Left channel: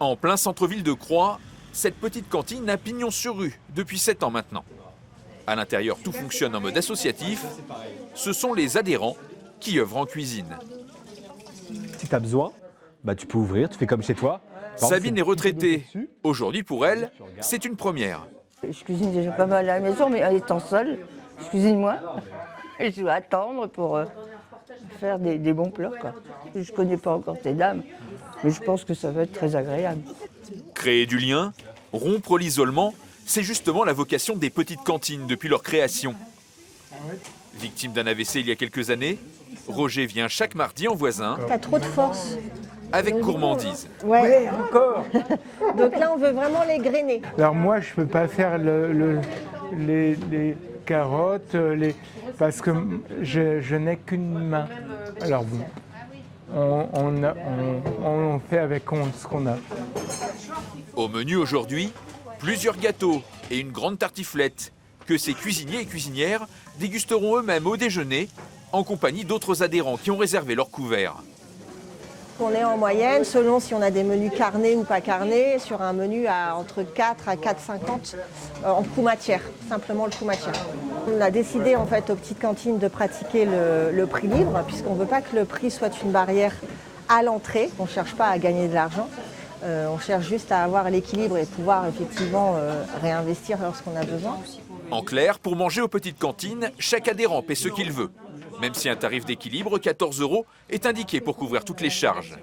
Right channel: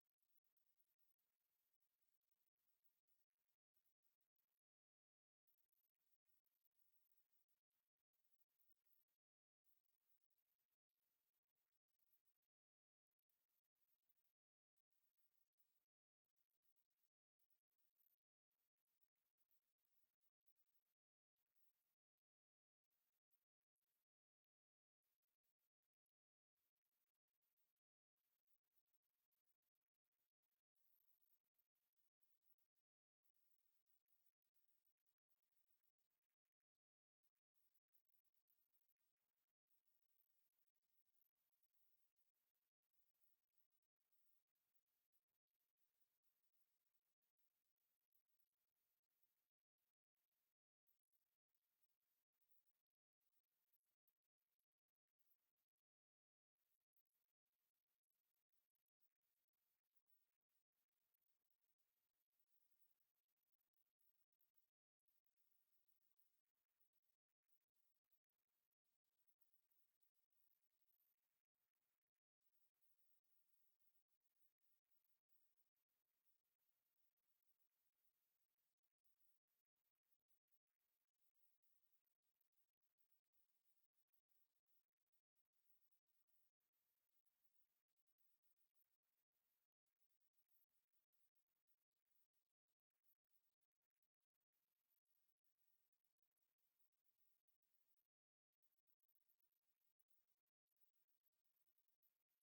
En plein centre-ville de Croix, cette petite cantine a pignon sur rue depuis 7 ans maintenant. À l'intérieur, tout fonctionne en mode associatif. Ce sont les adhérents qui œuvrent en cuisine. Si tu as besoin, tu peux ouvrir, tu fais comme chez toi. Sabine est retraitée. Aujourd'hui, pour elle, c'est une première. Je cuisine déjà pas mal à la maison, mais en étant seule, je cuisine moins. Et je dois attendre pour faire des bons plats, quoi. Je ne connais pas encore ces dames, mais je pense que ça va être très agréable. Créer du lien, rompre l'isolement, c'est justement la vocation des petites cantines depuis leur création. Victime d'un AVC il y a quelques années, Roger vient chaque mardi en voisin. T'as trop de force. Avec gourmandise. Ouais. Encore. Donc là, on veut vraiment les grainer. Alors moi, je ne peux pas faire les carottes, parce que je n'ai qu'une main. Alors bon, on fait avec ce qu'on a. Au menu aujourd'hui, plusieurs gâteaux et une grande tartiflette que ces cuisiniers et cuisinières dégusteront eux-mêmes au déjeuner en compagnie d'autres adhérents qui ont réservé leur couvert. On est en moyenne, selon si on a des menus carnés ou pas carnés, sur un menu à entre 4 à 4,50 en coût matière, simplement le coût matière. On a décidé en fait aux petites cantines de pratiquer le prix libre, puisqu'on ne veut pas que le prix soit une barrière à l'entrée. On ne cherche pas à gagner de l'argent, on cherche juste à avoir l'équilibre et pouvoir effectivement réinvestir lorsqu'on a besoin. En clair, pour manger aux petites cantines, chaque adhérent paie ce qu'il veut. Même si un tarif d'équilibre, 14 € est indiqué pour couvrir toutes les charges.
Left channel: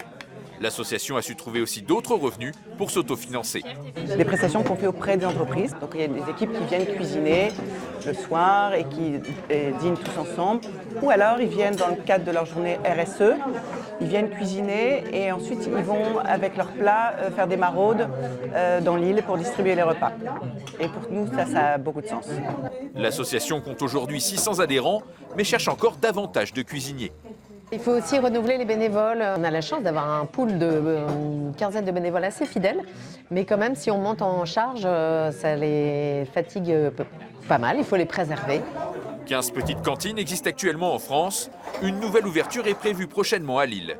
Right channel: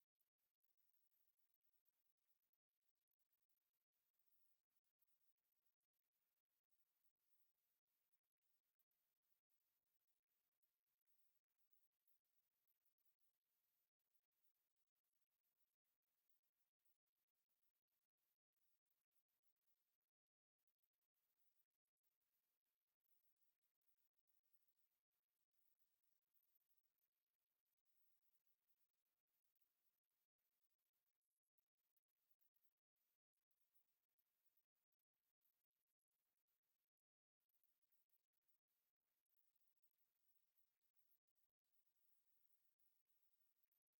L'association a su trouver aussi d'autres revenus pour s'autofinancer. Des prestations qu'on fait auprès des entreprises. Donc il y a des équipes qui viennent cuisiner le soir et qui dînent tous ensemble. Ou alors ils viennent dans le cadre de leur journée RSE, ils viennent cuisiner et ensuite ils vont avec leurs plats faire des maraudes dans l'île pour distribuer les repas. Et pour nous ça a beaucoup de sens. L'association compte aujourd'hui 600 adhérents, mais cherche encore davantage de cuisiniers. Il faut aussi renouveler les bénévoles. On a la chance d'avoir un pool de une quinzaine de bénévoles assez fidèles. Mais quand même, si on monte en charge, ça les fatigue pas mal. Il faut les préserver. 15 petites cantines existent actuellement en France. Une nouvelle ouverture est prévue prochainement à Lille.